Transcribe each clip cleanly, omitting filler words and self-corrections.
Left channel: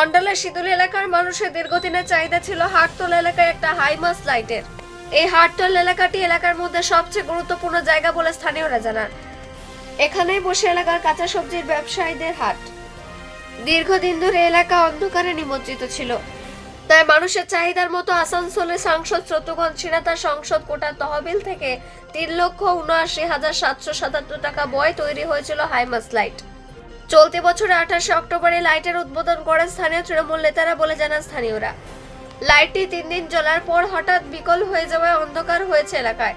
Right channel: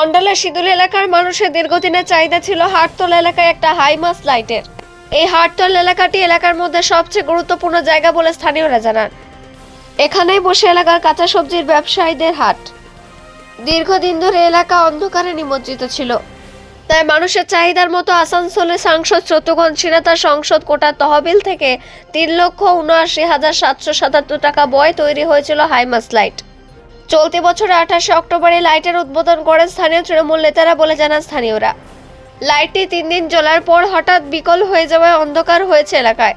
অন্ডালের সিদুল এলাকার মানুষের দীর্ঘদিনের চাহিদা ছিল হাটতলা এলাকায় একটা হাইমাস লাইটের। এই হাটতলা এলাকাটি এলাকার মধ্যে সবচেয়ে গুরুত্বপূর্ণ জায়গা বলে স্থানীয়রা জানান। এখানেই বসে এলাকার কাঁচা সবজির ব্যবসায়ীদের হাট। দীর্ঘদিন ধরে এলাকা অন্ধকারে নিমজ্জিত ছিল, তাই মানুষের চাহিদার মতো আসানসোলে সাংসদ শত্রুঘ্ন সিনহা তার সংসদ কোটার তহবিল থেকে 3,79,777 টাকা ব্যয় তৈরি হয়েছিল হাইমাস লাইট। চলতি বছরের 28 অক্টোবরে লাইটের উদ্বোধন করেন স্থানীয় তৃণমূল নেতারা বলে জানান স্থানীয়রা। লাইটটি 3 দিন জ্বলার পর হঠাৎ বিকল হয়ে যাওয়ায় অন্ধকার হয়েছে এলাকায়।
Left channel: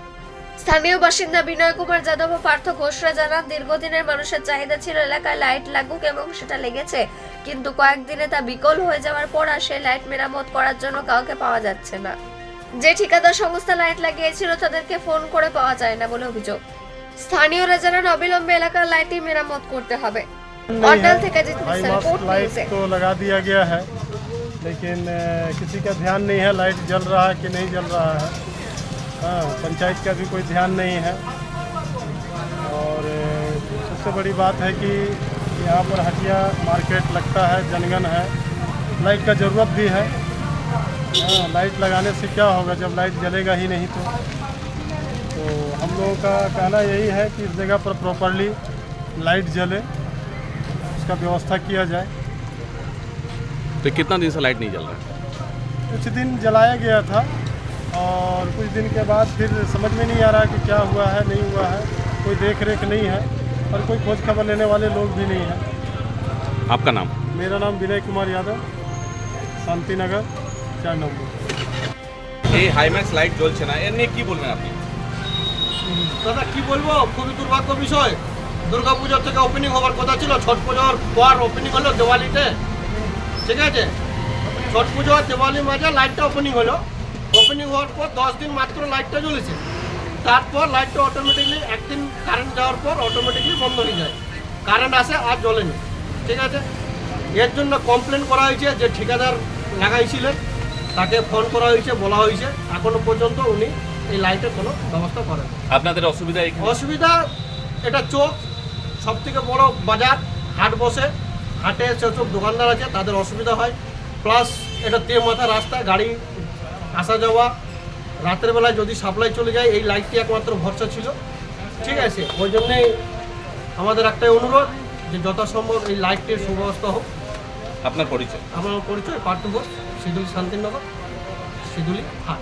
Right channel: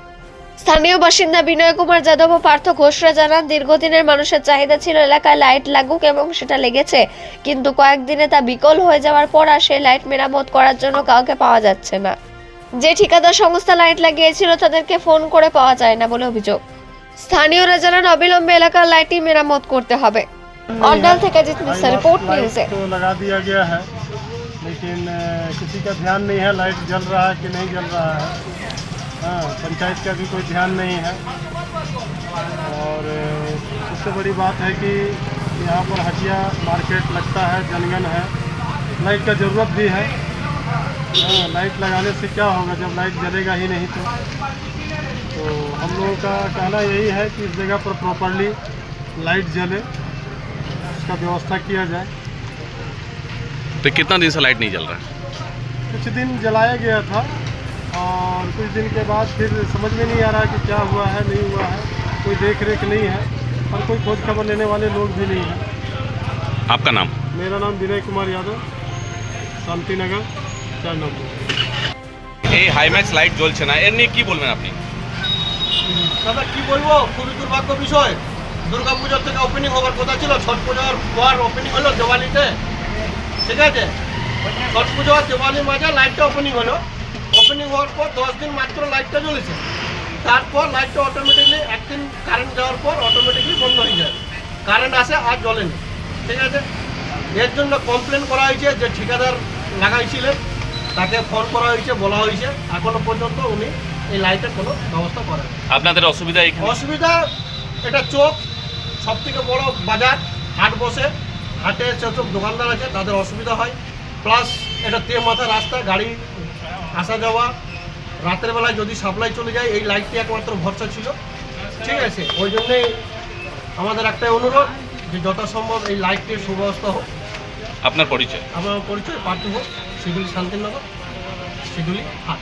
স্থানীয় বাসিন্দা বিনয় কুমার যাদব ও পার্থ ঘোষরা জানান, দীর্ঘদিনের মানুষের চাহিদা ছিল এলাকায় লাইট লাগুক এবং সেটা লেগেছে, কিন্তু কয়েকদিনে তা বিকল হয়ে যাওয়ার পর আর সেই লাইট মেরামত করার জন্য কাউকে পাওয়া যাচ্ছে না। যে ঠিকাদার সংস্থা লাইট লাগিয়েছিল তাদেরকে ফোন করে পাওয়া যায় না বলে অভিযোগ। স্থানীয়রা জানান অবিলম্বে এলাকার লাইটটি মেরামত করতে হবে। অন্ডাল থেকে জিত মিশ্রা, रिपोर्ट न्यूज़। तो लगा दिया गया है, लेकिन किसी का ध्यान नहीं है लाइट जल रहा है कि नहीं जल रहा है। हाँ, पंचायत का भी कोई ध्यान नहीं है। और सबसे बड़ी बात है कि यहाँ पर हटिया मार्केट लगता है, जनगण है, लाइट का ज़रूरत भी है। हाँ, लाइट लगाने से क्या होगा जब लाइट जलेगा ही नहीं तो हम लोगों का कहना यही है कि इस जगह पर प्रॉपरली लाइट जले, उसका व्यवस्था किया जाए। तो कितना दिन से लाइट नहीं जल रहा है? कुछ दिन जलाया गया था और कुछ दिन के बाद फिर समझ में नहीं आ रहा कि क्या हुआ है नहीं हुआ है, कोई देख रेख नहीं है और कोई खोज खबर लेने वाले लोग भी नहीं हैं। आपका नाम? मेरा नाम विनय कुमार यादव, शांति नगर 4 नंबर। এই হাইম্যাক্স লাইট জ্বলছে না, এর নিয়ে কি বলবেন আপনি? দাদা কি বলবো, খুবই দুর্ভাগ্য বিষয়। দুর্গাপুজোর থেকে ওপেনিং হওয়ার কথা ছিল, ছট পুজোর পর ওপেনিং হলো দিওয়ালিতে, ঠিক আছে। ছট পুজো আর দিওয়ালির মাঝে লাইটটা ওপেনিং হলো। ওপেনিং হওয়ার পর 10 দিন মাত্র লাইটটা জ্বলেছে। তারপর লাইটটা অটোমেটিকলি একদিন কারেন্ট যাওয়ার পর অটোমেটিকলি বন্ধ হয়ে যায়। কারেন্ট আসে আর জ্বলেনি, ঠিক আছে। এর জন্য কমপ্লেন করা হয়েছে, যে ঠিকাদার লাগাইছিলেন তাকে ফোন করা হয়েছে, বলা হয়েছে, এখনো পর্যন্ত উনি এই লাইটের কোনো ব্যবস্থা করেন। আপনাদের অসুবিধা এখানে? অসুবিধা এটা চোখ, সব থেকে বড় বাজার, হাট বসে, হাটে যেসব দোকানদার আছে তাদের অসুবিধা হয়। প্লাস এটা মাথা রাস্তা, গাড়ি আসা যাওয়া, রাতের বেলায় যদি সাপ্লাই চলে যায় এই লাইটটি একমাত্র ভরসা ছিল, ঠিক আছে। ওই জন্যেই আমাদের একটাই অনুরোধ যে যথাসম্ভব এই লাইটটির সুব্যবস্থা হোক। আপনার পরিচয়? আমার পরিচয় পার্থ ঘোষ, শিদুলি শান্তিনগর, শিদুলি হাট।